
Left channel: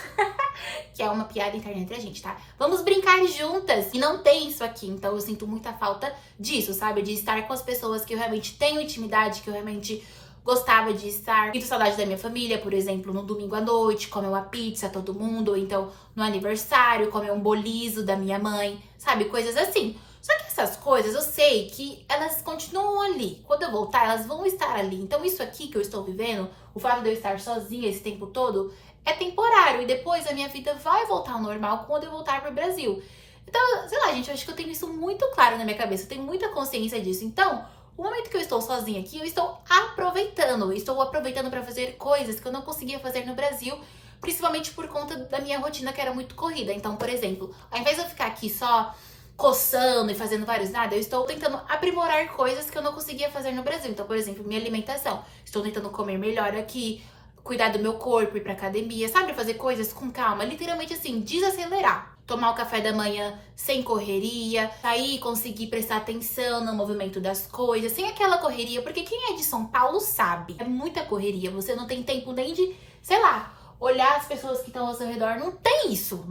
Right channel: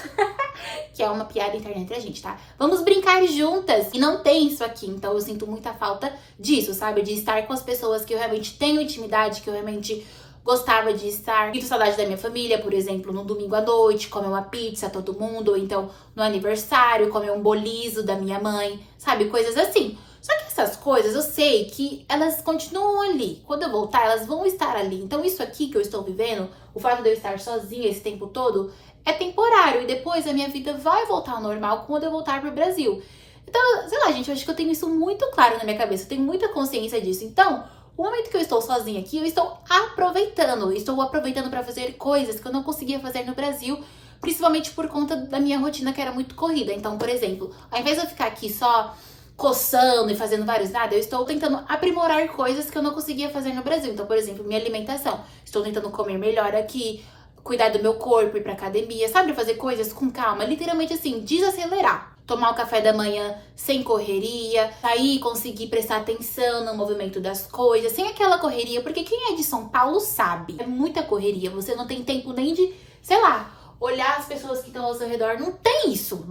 Que é uma piada interna entre a gente, tá? Vamos brincar juntas. E não tem isso aqui, então eu sinto muita falta disso, sabe? De estar com as pessoas que eu realmente tenho intimidade, que eu realmente gostava de estar. Sinto saudade da minha família, por exemplo, no domingo à noite, comer uma pizza todo mundo, ou então no aniversário, comer um bolizo da minha mãe, sabe? Coisas assim. Só que essas coisas eu sei que elas continuam ali. Quando eu voltar, elas vão estar ali. Então isso aqui que eu estou vivendo, o fato de eu estar sozinha esse tempo todo, é temporário. E depois a minha vida vai voltar ao normal quando eu voltar pro Brasil. Então, sei lá, gente, eu acho que eu tenho isso muito claro na minha cabeça. Eu tenho muita consciência disso. Então, o momento que eu estou sozinha aqui, eu estou aproveitando. Eu estou aproveitando para fazer coisas que eu não conseguia fazer no Brasil. Principalmente por conta da minha rotina que era muito corrida. Então, por exemplo, ao invés de eu ficar aqui só coçando e fazendo vários nada, eu estou tentando aprimorar coisas que eu não conseguia fazer no Brasil. Então, por exemplo, minha alimentação. Estou tentando comer melhor aqui, cuidar do meu corpo, ir pra academia, sabe? Fazer coisas com calma, literalmente assim, desacelerar. Tomar o café da manhã sem correria, sair, conseguir prestar atenção no movimento das coisas, sem aquela correria, porque quem é de São Paulo sabe, é muita correria, você não tem tempo nem de, sei lá, olhar as pessoas que estão ao seu redor, não tem isso,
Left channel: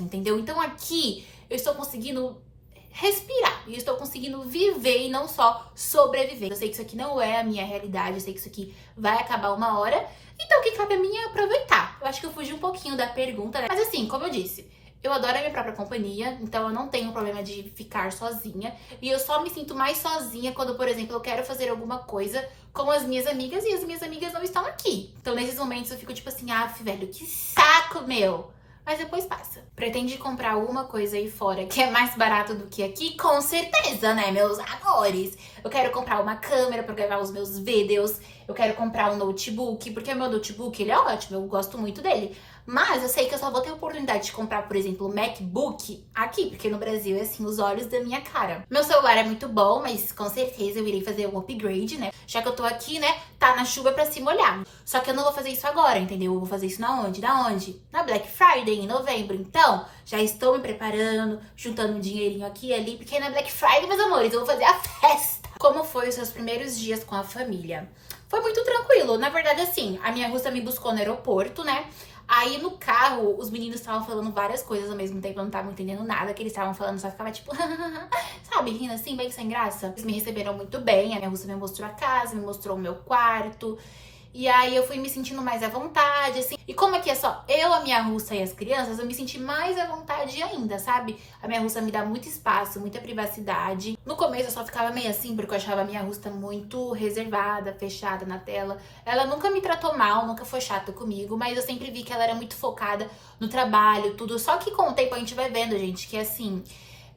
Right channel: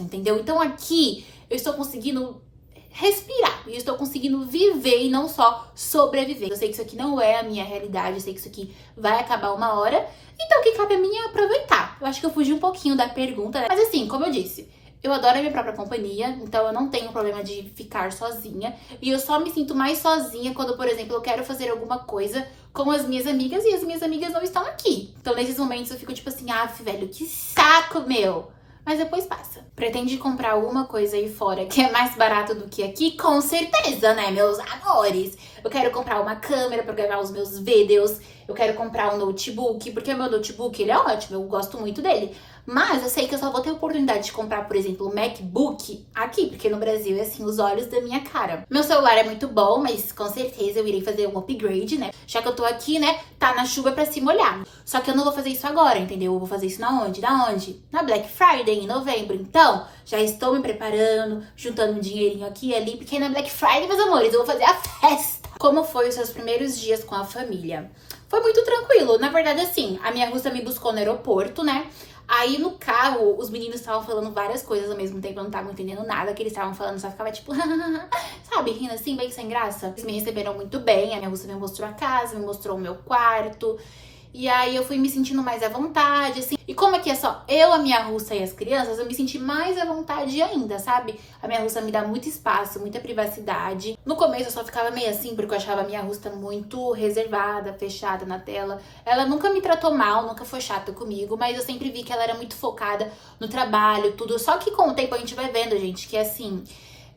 entendeu? Então aqui eu estou conseguindo respirar e estou conseguindo viver e não só sobreviver. Eu sei que isso aqui não é a minha realidade, eu sei que isso aqui vai acabar uma hora, então o que cabe a mim é aproveitar. Eu acho que eu fugi um pouquinho da pergunta, né? Mas assim, como eu disse, eu adoro a minha própria companhia, então eu não tenho problema de ficar sozinha. E eu só me sinto mais sozinha quando, por exemplo, eu quero fazer alguma coisa com as minhas amigas e as minhas amigas não estão aqui. Então nesses momentos eu fico tipo assim, velho, que saco, meu! Mas depois passa. Pretende comprar alguma coisa aí fora que é mais barato do que aqui? Com certeza, né, meus amores? Eu quero comprar uma câmera pra gravar os meus vídeos. Eu quero comprar um notebook, porque o meu notebook, ele é ótimo, eu gosto muito dele. Mas eu sei que eu só vou ter a oportunidade de comprar, por exemplo, o MacBook aqui, porque no Brasil é assim, os olhos da minha cara. Meu celular é muito bom, mas com certeza eu irei fazer um upgrade, né? Já que eu tô aqui, né, tá na chuva pra se molhar. Só que eu não vou fazer isso agora, entendeu? Eu vou fazer isso na onde? Na onde? Na Black Friday, em novembro. Então, já estou me preparando, juntando um dinheirinho aqui e ali, porque na Black Friday, meus amores, eu vou fazer a festa. Como foi os seus primeiros dias com a família? Foi muito tranquilo. Na verdade, assim, a minha russa me buscou no aeroporto, né? Aí no carro, os meninos estavam falando várias coisas ao mesmo tempo, eu não tava entendendo nada que eles estavam falando, só ficava tipo, sabe, rindo assim, bem sem graça. Eles me receberam muito bem, a minha russa me mostrou a casa, me mostrou o meu quarto. E aí eu fui me sentindo mais à vontade, assim. E como aqui é só eu, a minha russa e as crianças, eu me senti mais à vontade ainda, sabe? A minha russa me dá muito espaço, muita privacidade. No começo eu só ficava meio assim, porque eu achava a minha russa muito reservada, fechada na tela. Ela nunca me tratou mal, nunca foi chata comigo, mas eu sempre vi que ela era muito focada no trabalho, tudo. Só que com o tempo a gente vai vendo, gente, que assim...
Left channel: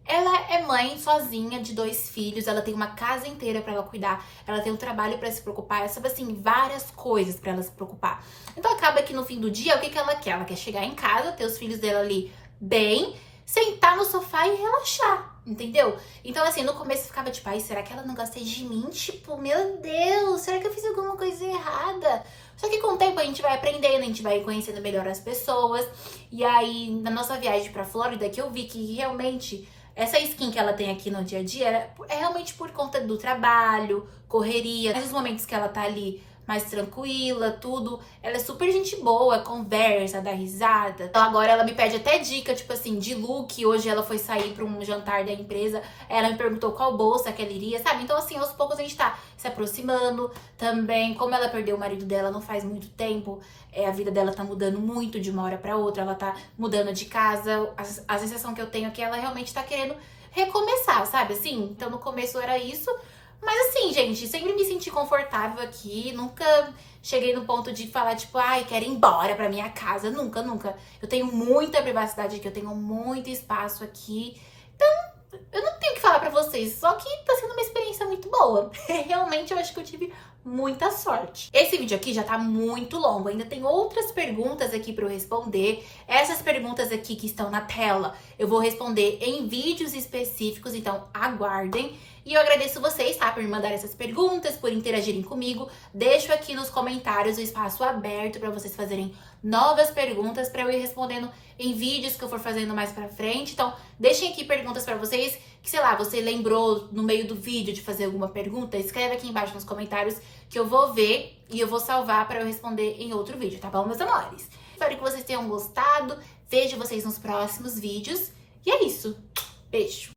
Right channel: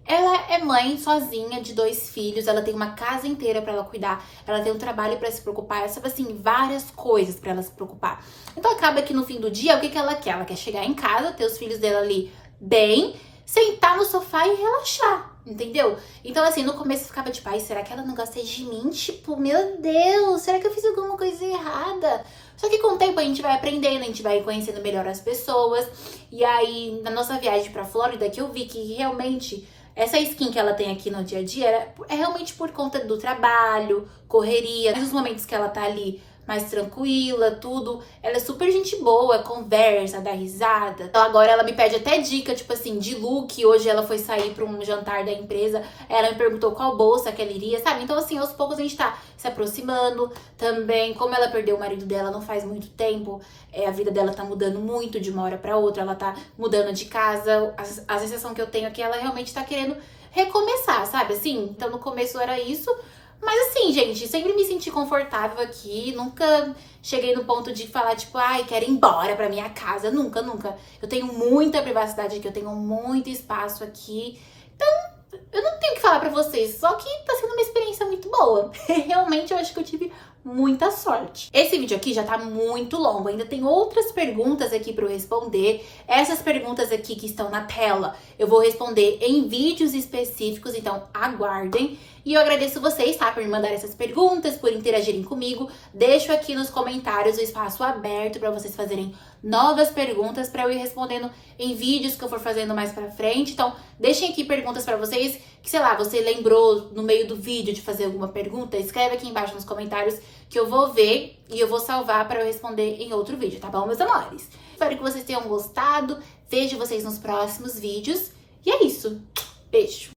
Ela é mãe sozinha de 2 filhos, ela tem uma casa inteira pra ela cuidar, ela tem um trabalho pra se preocupar, ela sabe assim, várias coisas pra ela se preocupar. Então acaba que no fim do dia, o que ela quer? Ela quer chegar em casa, ter os filhos dela ali bem, sentar no sofá e relaxar, entendeu? Então assim, no começo eu ficava tipo, será que ela não gosta de mim? Tipo, meu Deus, será que eu fiz alguma coisa errada? Só que com o tempo a gente vai aprendendo, a gente vai conhecendo melhor as pessoas. E aí, na nossa viagem pra Flórida, que eu vi que realmente... Essa skin que ela tem aqui no dia a dia é realmente por conta do trabalho, correria, nos momentos que ela tá ali mais tranquila, tudo. Ela é super gente boa, conversa, dá risada. Então agora ela me pede até dica, tipo assim, de look. Hoje ela foi sair pra um jantar da empresa, ela me perguntou qual bolsa que ela iria, sabe? Então assim, aos poucos a gente tá se aproximando. Também, como ela perdeu o marido dela não faz muito tempo, a vida dela tá mudando muito de uma hora pra outra, ela tá mudando de casa. A sensação que eu tenho é que ela realmente tá querendo recomeçar, sabe? Assim, então no começo era isso. Mas assim, gente, sempre me senti confortável aqui, nunca cheguei no ponto de falar, tipo, quero ir embora pra minha casa, nunca, nunca. Eu tenho muita privacidade aqui, eu tenho muito espaço aqui, então eu não tenho o que falar pra vocês, só que tá sendo uma experiência muito boa. Realmente eu acho que eu tive muita sorte. Esse vídeo aqui já tá muito longo, ainda tem outras perguntas aqui para eu responder. Essas perguntas aqui que estão na tela, eu vou responder em vídeos específicos, então aguardem. E eu agradeço vocês, tá, por me mandar essas perguntas, por interagirem comigo. Deixo aqui nos comentários o espaço aberto para vocês fazerem novas perguntas para eu ir respondendo em vídeos que eu for fazendo mais pra frente. Então, deixem aqui perguntas pra vocês que, sei lá, você lembrou no meio do vídeo de fazer alguma pergunta, escreve aqui embaixo nos comentários que eu vou ver e eu vou salvar para eu responder em outro vídeo, tá bom, meus amores? Espero que vocês tenham gostado, vejo vocês nos próximos vídeos e é isso. Beijo!